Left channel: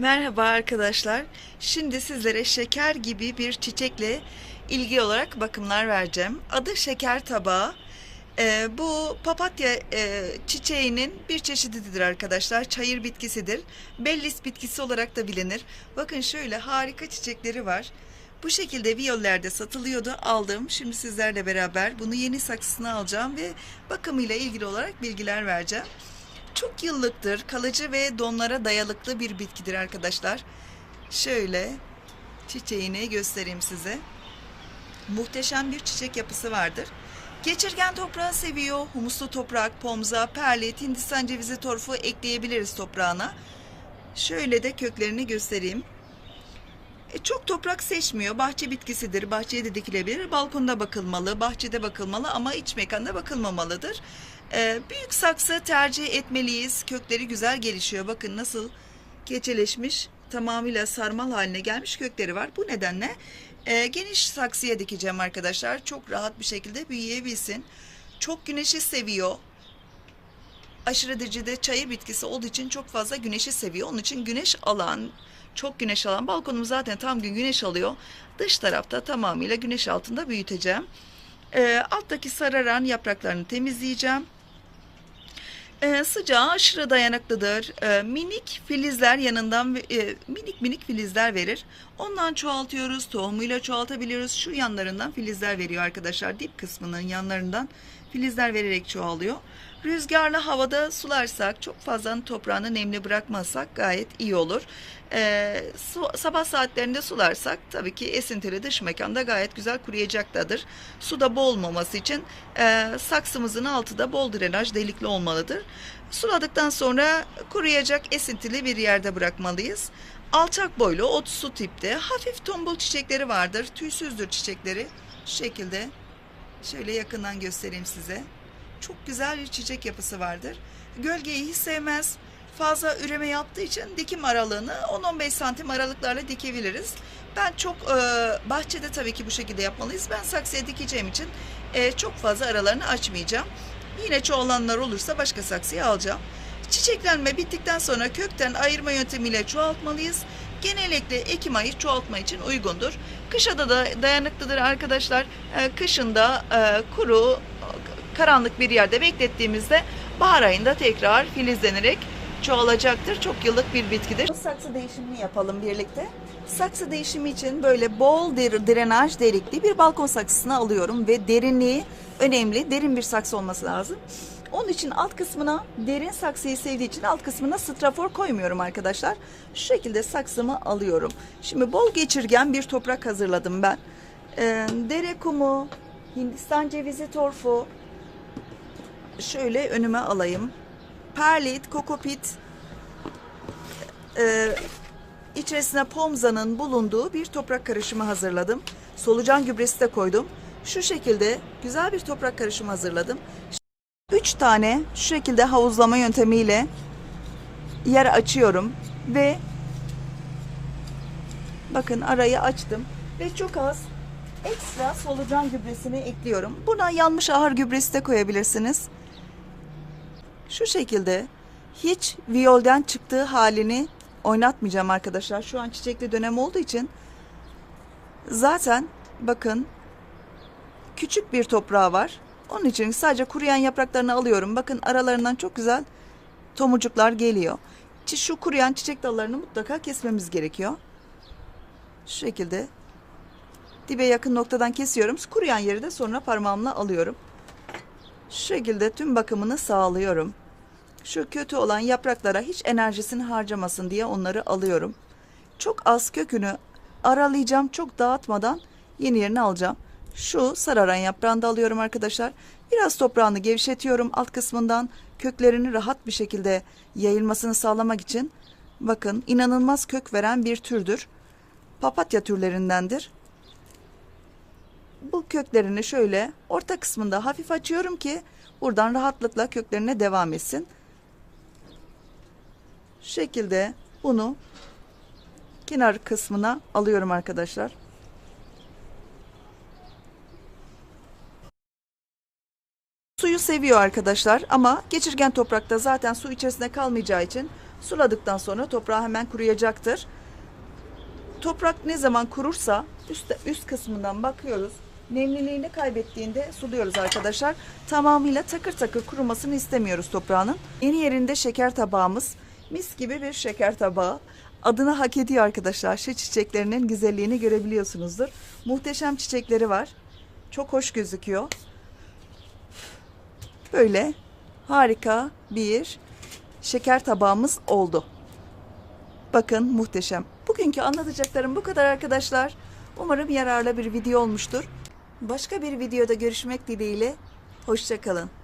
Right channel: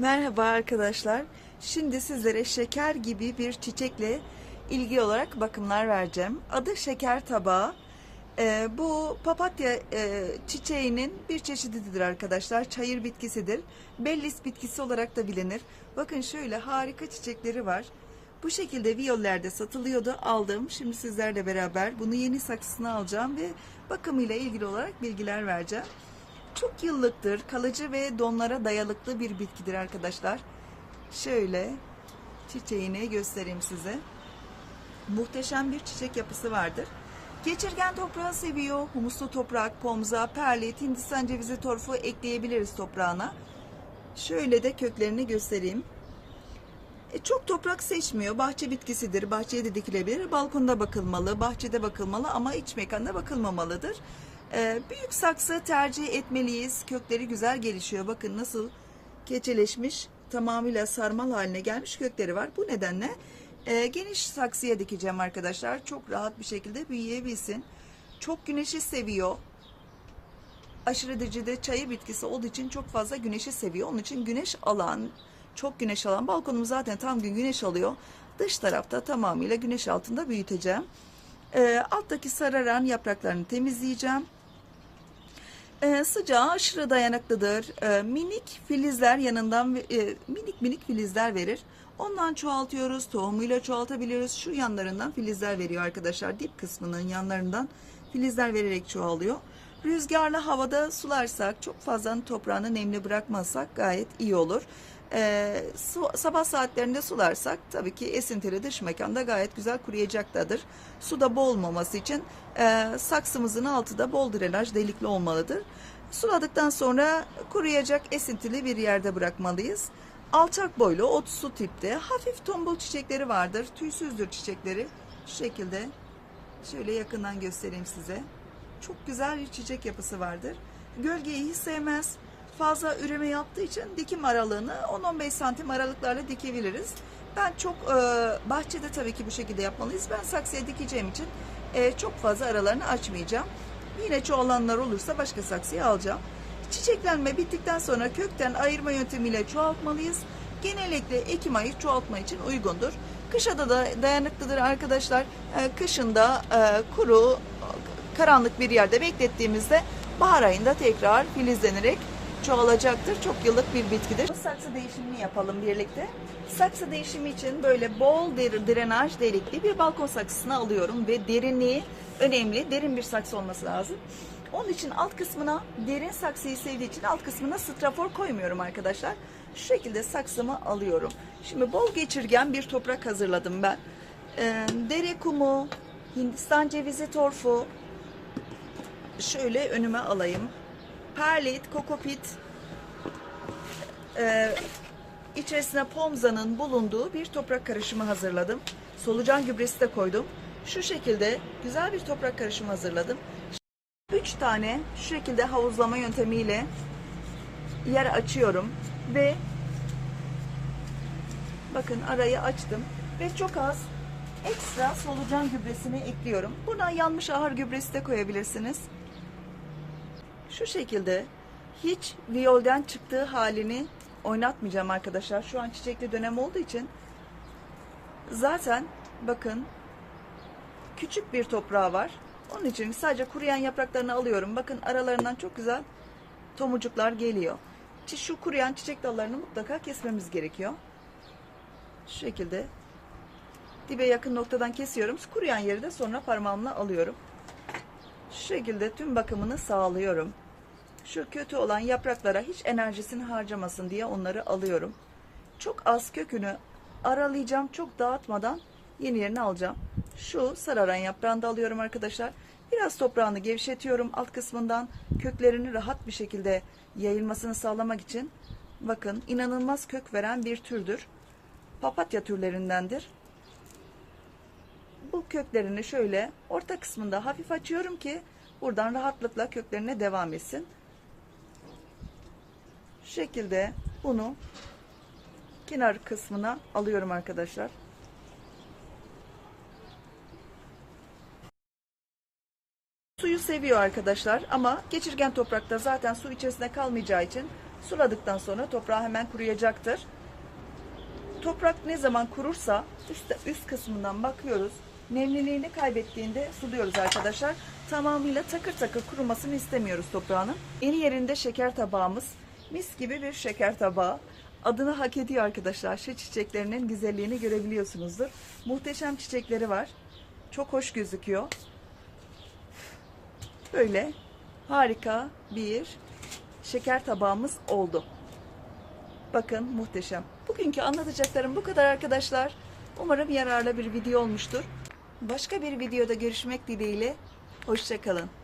Merhaba arkadaşlar. Şimdi sizlere şeker gibi bir çiçekle ilgili olarak bakımlar vereceğim. Adı şeker tabağı. Ee, bu papatya e, çiçeğinin bir çeşididir arkadaşlar. Çayır bitkisidir. Bellis bitkisi olarak da bilinir. Bakın şöyle harika çiçekleri var. Bu şekilde viyollerde satılıyordu. Aldım. Şimdi sizlerle beraber bunu yeni saksısına alacağım ve bakımıyla ilgili olarak bilgiler vereceğim. Çok yıllıktır, kalıcı ve donlara dayalıklı bir bitkidir arkadaşlar. Şöyle çiçeğini göstereyim size. Muhteşem bir çiçek yapısı vardır. Geçirgen toprağı seviyor. Humuslu toprak, pomza, perlit, hindistan cevizi torfu ekleyebiliriz toprağına. Şöyle de köklerini göstereyim. E, çok toprak seçmiyor. Bahçe bitkisidir. Bahçeye de dikilebilir. Balkonda bakılmalı, bahçede bakılmalı ama iç mekanda bakılmamalıdır. E, büyük saksı tercih etmeliyiz. Kökleri güzel gelişiyor. Bakın nasıl keçeleşmiş, tamamıyla sarmal haline gelmiş kökleri var. Bu nedenle e, geniş saksıya dikeceğim arkadaşlar. Çok rahat bir şekilde büyüyebilsin. Çok güneşi seviyor aşırı derecede çayır bitkisi olduğu için çok fazla güneşi seviyor. Onun için güneş alan, çok güneş alan balkonum zaten tam gün güneş alıyor. Dış tarafta tamamıyla güneş altında büyüteceğim. Ee, alttaki sararan yapraklarını temizleyeceğim. Ee, sıcağa aşırı dayanıklıdır. Ee, minik filizler yanından e, minik minik filizler verir. Ondan çoğaltıyoruz. Tohumuyla çoğaltabiliyoruz. Şu yanlarından filizler veriyor arkadaşlar. Dip kısmının yanlarından filizler vererek çoğalıyor. Rüzgarlı havada sularsak, çok fazla toprağını nemli bırakmazsak gayet iyi olur. Ee, su- sabah saatlerinde sularsak tabii ki esintili dış mekanda gayet güzel kuruyacaktadır. Suda boğulmaması için e, saksımızın altı da bol drenaj delikli olmalıdır. Suladıktan sonra kuruyacak esintili bir yerde bırakmalıyız. Alçak boylu, ot su tipte, hafif tombul çiçekleri vardır. Tüysüzdür çiçekleri. Şu şekilde şöyle yakından göstereyim size. Çok güzel bir çiçek yapısı vardır. Gölgeyi hiç sevmez. Fazla üreme yaptığı için dikim aralığını 10-15 santim aralıklarla dikebiliriz. Ben çok e, bahçede tabii ki bu şekilde yapmalıyız. Ben saksıya dikeceğim için e, çok fazla aralarını açmayacağım. Yine çoğalanlar olursa başka saksıya alacağım. Çiçeklenme bittikten sonra kökten ayırma yöntemiyle çoğaltmalıyız. Genellikle Ekim ayı çoğaltma için uygundur. Kışa da da dayanıklıdır arkadaşlar. E, kışında e, kuru, karanlık bir yerde beklettiğimizde bahar ayında tekrar filizlenerek çoğalacaktır. Çok yıllık bir bitkidir. Saksı değişimini yapalım birlikte. Saksı değişimi için böyle bol der- drenaj delikli bir balkon saksısını alıyorum ve derinliği önemli. Derin bir saksı olması lazım. Onun için alt kısmına derin saksıyı sevdiği için alt kısmına strafor koymuyorum arkadaşlar. Şu şekilde saksımı alıyorum. Şimdi bol geçirgen bir toprak hazırladım ben. Ee, dere kumu, Hindistan cevizi torfu, şöyle önüme alayım. Perlit, kokopit, e, içerisine pomzanın bulunduğu bir toprak karışımı hazırladım. Solucan gübresi de koydum. Şu şekilde güzel bir toprak karışımı hazırladım. Üç tane şu şekilde havuzlama yöntemiyle yer açıyorum ve bakın arayı açtım ve çok az ekstra solucan gübresini ekliyorum. Buna yanmış ahır gübresi de koyabilirsiniz. Şu şekilde hiç viyolden çıktığı halini oynatmayacağım arkadaşlar. Şu an çiçekli dönem olduğu için zaten bakın küçük bir toprağı var. Onun için sadece kuruyan yapraklarını alıyorum. Bakın aralarından çok güzel tomurcuklar geliyor. Şu kuruyan çiçek dallarını mutlaka kesmemiz gerekiyor. Şu şekilde dibe yakın noktadan kesiyorum. Kuruyan yeri de sonra parmağımla alıyorum. Şu şekilde tüm bakımını sağlıyorum. Şu kötü olan yapraklara hiç enerjisini harcamasın diye onları alıyorum. Çok az kökünü aralayacağım. Çok dağıtmadan yeni yerini alacağım. Şu sararan yaprağını da alıyorum arkadaşlar. Biraz toprağını gevşetiyorum alt kısmından. Köklerini rahat bir şekilde yayılmasını sağlamak için. Bakın inanılmaz kök veren bir türdür. Papatya türlerindendir. Bu köklerini şöyle orta kısmında hafif açıyorum ki buradan rahatlıkla köklerine devam etsin. Şekilde bunu kenar kısmına alıyorum arkadaşlar. Suyu seviyor arkadaşlar ama geçirgen toprakta zaten su içerisinde kalmayacağı için Suladıktan sonra toprağı hemen kuruyacaktır. Toprak ne zaman kurursa üst, üst kısmından bakıyoruz. Nemliliğini kaybettiğinde suluyoruz arkadaşlar. Tamamıyla takır takır kurumasını istemiyoruz toprağının. Yeni yerinde şeker tabağımız. Mis gibi bir şeker tabağı. Adını hak ediyor arkadaşlar. Şu çiçeklerinin güzelliğini görebiliyorsunuzdur. Muhteşem çiçekleri var. Çok hoş gözüküyor. Böyle harika bir şeker tabağımız oldu. Bakın muhteşem. Bugünkü anlatacaklarım bu kadar arkadaşlar. Umarım yararlı bir video olmuştur. Başka bir videoda görüşmek dileğiyle. Hoşçakalın.